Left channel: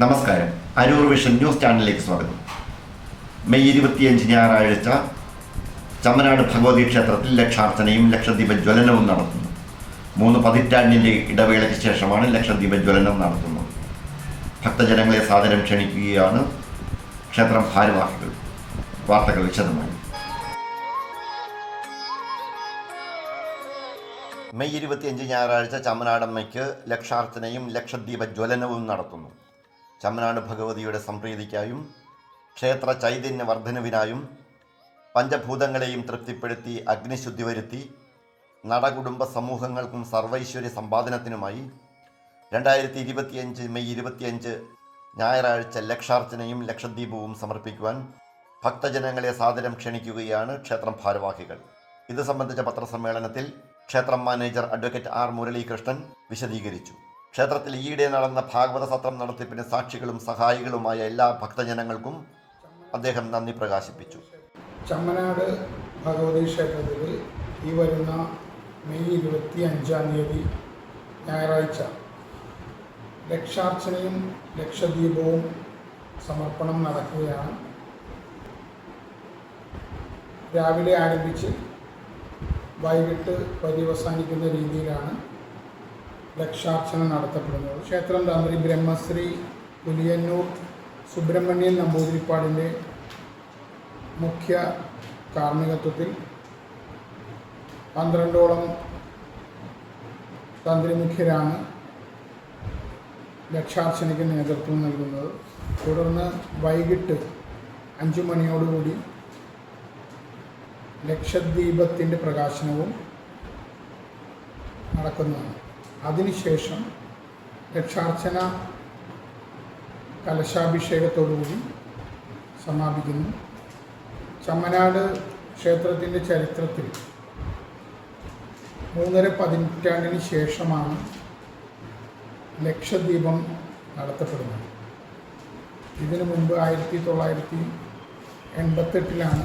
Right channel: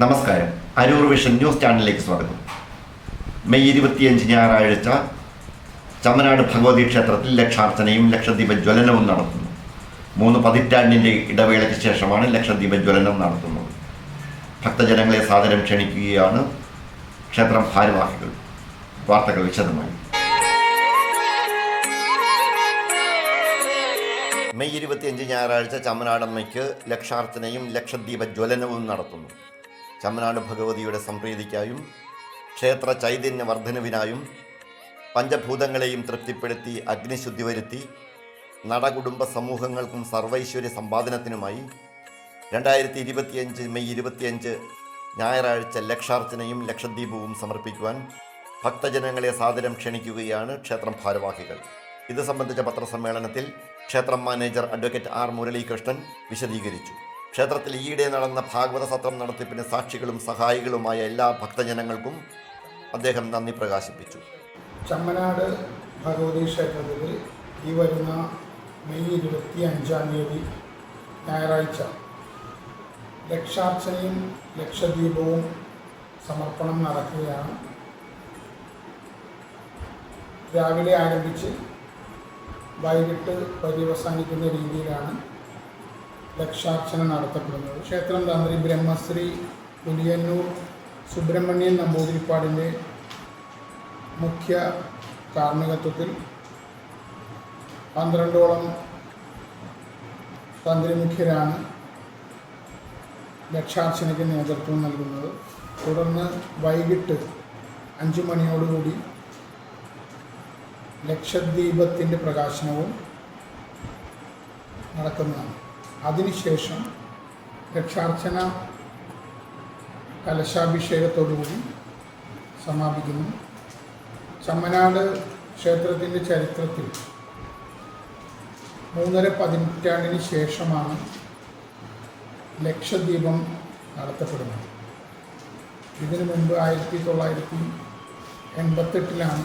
നമസ്കാരം. Aroor vision news ചാനലിലേക്ക് സ്വാഗതം. മെയ് 25 ഞായറാഴ്ച ചമ്മനാട് ഭഗവതി ക്ഷേത്രത്തിൽ ലക്ഷാർച്ചനയും ലക്ഷദ്വീപ ജ്വലനവും നടത്തുന്നു. 3 പതിറ്റാണ്ടിൻ്റെ ഇടവേളയ്ക്ക് ശേഷമാണ് ലക്ഷദ്വീപ ജ്വലനം നടത്തുന്നത്. ഭക്തജനങ്ങളെ സാദരം ക്ഷണിക്കുകയാണ് ക്ഷേത്രം ഭാരവാഹികൾ. വാർത്തകൾ വിശദമായി. മെയ് 25 ഞായറാഴ്ച ചമ്മനാടമ്മയ്ക്ക് ലക്ഷാർച്ചനയും ലക്ഷദ്വീപ ജ്വലനവും നടത്തുന്നു. ചമ്മനാട് ഭഗവതിയുടെ സംപ്രീതിക്കായും ക്ഷേത്ര ചൈതന്യ വർധനവിനായും പഞ്ചഭൂതങ്ങളെയും തൃപ്തിപ്പെടുത്തി അഗ്നിശുദ്ധി വരുത്തി നടകുടുംബ സമൂഹങ്ങൾക്കും സർവൈശ്വര്യ സമ്പാദനത്തിനുമായി 2025 മെയ് 25 ഞായറാഴ്ച ലക്ഷാർച്ചനയും ലക്ഷദ്വീപവും സമർപ്പിക്കുവാൻ ഭക്തജനങ്ങളെ സാദരം ക്ഷണിക്കുകയാണ് ക്ഷേത്രം ഭാരവാഹികൾ. ഇത് സംബന്ധിച്ച പത്രസമ്മേളനത്തിൽ ക്ഷേത്രം മാനേജർ അഡ്വക്കേറ്റ് ആർ മുരളീകൃഷ്ണൻ വിശദീകരിച്ചു. ക്ഷേത്രത്തിൽ ഈയിടെ നടന്ന ഭാഗവത സത്രം നടത്തിപ്പിന് സാക്ഷികളും സഹായികളുമായ എല്ലാ ഭക്തജനങ്ങൾക്കും അദ്ദേഹം നന്ദി പ്രകാശിപ്പിച്ചു. ചമ്മനാട് ഭഗവതി ക്ഷേത്രത്തിൽ ഈ വരുന്ന മെയ് 25 ഞായറാഴ്ച ലക്ഷാർച്ചനയും ലക്ഷദ്വീപവും സമർപ്പണം നടക്കുകയാണ്. രാവിലെ ആരംഭിച്ച് വൈകിട്ട് പര്യവസാനിക്കുന്ന രീതിയിലാണ് ലക്ഷാർച്ചന നടത്തപ്പെടുന്നത്. ക്ഷേത്രം തന്ത്രി ബ്രഹ്മശ്രീ പുലിയന്നൂർ സുബ്രഹ്മണ്യൻ നമ്പൂതിരിപ്പാടിൻ്റെ മുഖ്യ കാർമ്മികത്വത്തിൽ 12ഓളം തന്ത്രിമുഖ്യരാണ് ലക്ഷാർച്ചനയ്ക്ക് നേതൃത്വം നൽകുന്നത്. തുടർന്ന് വൈകിട്ട് 5 മണിയോടുകൂടി ലക്ഷദ്വീപത്തിൻ്റെ പ്രകാശനവും നടക്കുന്നതാണ്. അതിനുശേഷം ലക്ഷാർച്ചന കലശാഭിഷേകത്തോടുകൂടി സമാപിക്കുന്നു. ചമ്മനാട് ക്ഷേത്രത്തിൻ്റെ ചരിത്രത്തിൽ 3.5 പതിറ്റാണ്ടിന് ശേഷമാണ് ലക്ഷദ്വീപം നടത്തപ്പെടുന്നത്. ഇതിനു മുൻപ് 1988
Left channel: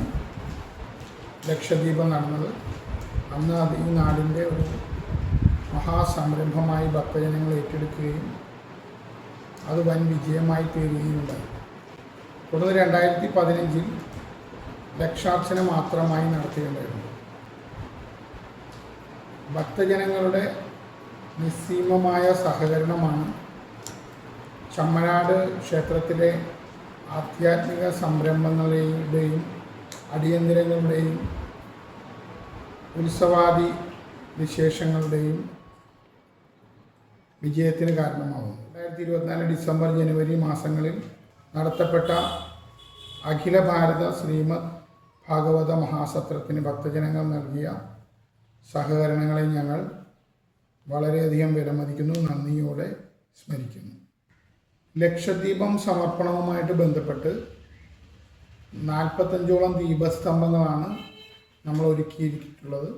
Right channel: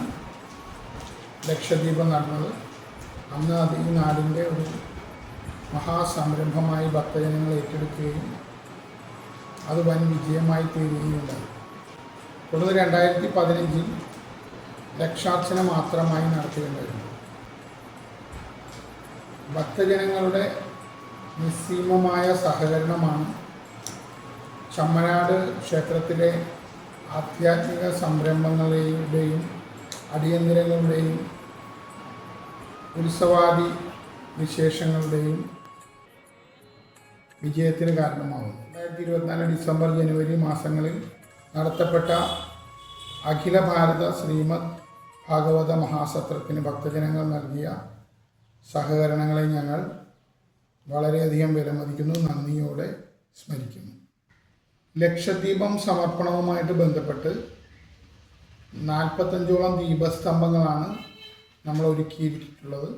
ലക്ഷദ്വീപം നടന്നത്. അന്ന് അത് ഈ നാടിൻ്റെ ഒരു മഹാസംരംഭമായി ഭക്തജനങ്ങൾ ഏറ്റെടുക്കുകയും അത് വൻ വിജയമായി തീരുകയുണ്ടായി. തുടർന്ന് 2015 ലക്ഷാർച്ചന മാത്രമായി നടത്തുകയുണ്ടായിരുന്നു. ഭക്തജനങ്ങളുടെ നിസ്സീമമായ സഹകരണമാണ് ചമ്മനാട് ക്ഷേത്രത്തിലെ ആധ്യാത്മിക സംരംഭങ്ങളുടെയും അടിയന്തരങ്ങളുടെയും ഉത്സവാദി വിശേഷങ്ങളുടെയും വിജയത്തിന് കാരണമാകുന്നു. 2024 ഡിസംബർ ജനുവരി മാസങ്ങളിൽ നടത്തപ്പെട്ട അഖില ഭാരത ശ്രീമദ് ഭാഗവത മഹാസത്രത്തിന് ഭക്തജനങ്ങൾ നൽകിയ സഹകരണങ്ങളെ ഞങ്ങൾ വളരെയധികം വിലമതിക്കുന്നു, നന്ദിയോടെ സ്മരിക്കുന്നു. ലക്ഷദ്വീപം സമർപ്പണവുമായിട്ട് ബന്ധപ്പെട്ട് 45ഓളം ദീപസ്തംഭങ്ങളാണ് നമ്മൾ ഒരുക്കിയിട്ടുള്ളത്.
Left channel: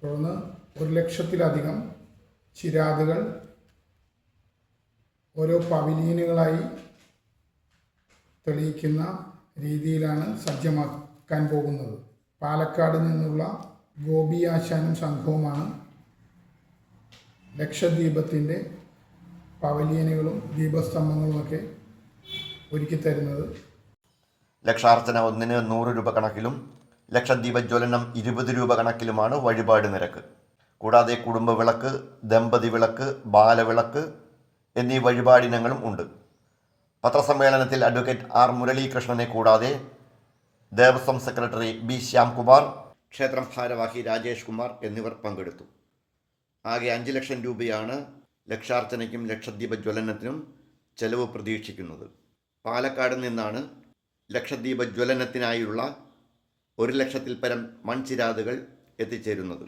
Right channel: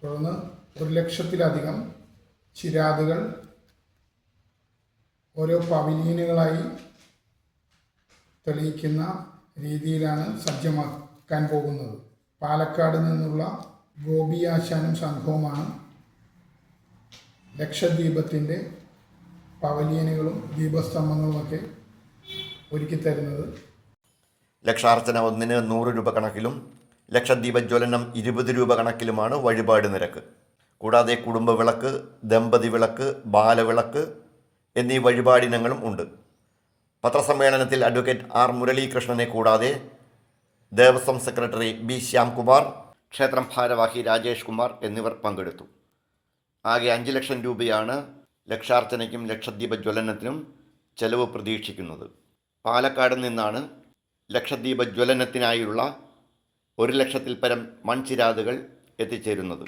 തുടർന്ന് 1,00,000-ലധികം ചിരാതുകൾ ഓരോ പവിലിയനുകളായി തെളിയിക്കുന്ന രീതിയിലാണ് സജ്ജമാക്കാൻ പോകുന്നത്. പാലക്കാട് നിന്നുള്ള ഗോപി ആശാനും സംഘവുമാണ് ലക്ഷദ്വീപത്തിൻ്റെ പവലിയനുകളും ദീപസ്തംഭങ്ങളുമൊക്കെ ഒരുക്കി തരുന്നത്. ലക്ഷാർച്ചന ഒന്നിന് 100 രൂപ കണക്കിലും ലക്ഷദ്വീപ ജ്വലനം 20 രൂപ കണക്കിലുമാണ് വഴിപാട് നിരക്ക്. കൂടാതെ കുടുംബ വിളക്ക്, ദമ്പതി വിളക്ക്, ബാലവിളക്ക് എന്നീ വഴിപാടിനങ്ങളും ഉണ്ട്. പത്രസമ്മേളനത്തിൽ അഡ്വക്കേറ്റ് ആർ മുരളീകൃഷ്ണനെ കൂടാതെ ദേവസ്വം സെക്രട്ടറി ബി ശ്യാംകുമാർ, ക്ഷേത്രം ഭാരവാഹി രാജേഷ് കുമാർ എന്നിവർ പങ്കെടുത്തു. ആകെ 5 ലക്ഷം രൂപയാണ് ലക്ഷാർച്ചനയ്ക്കും ലക്ഷദ്വീപ ജ്വലനത്തിനും ചെലവ് പ്രതീക്ഷിക്കുന്നത്. പാലക്കാട് നിന്നാണ് ലക്ഷദ്വീപ ജ്വലനത്തിനായുള്ള 1,00,000-ൽ പരം മൺചിരാതുകൾ എത്തിച്ചേരുന്നത്.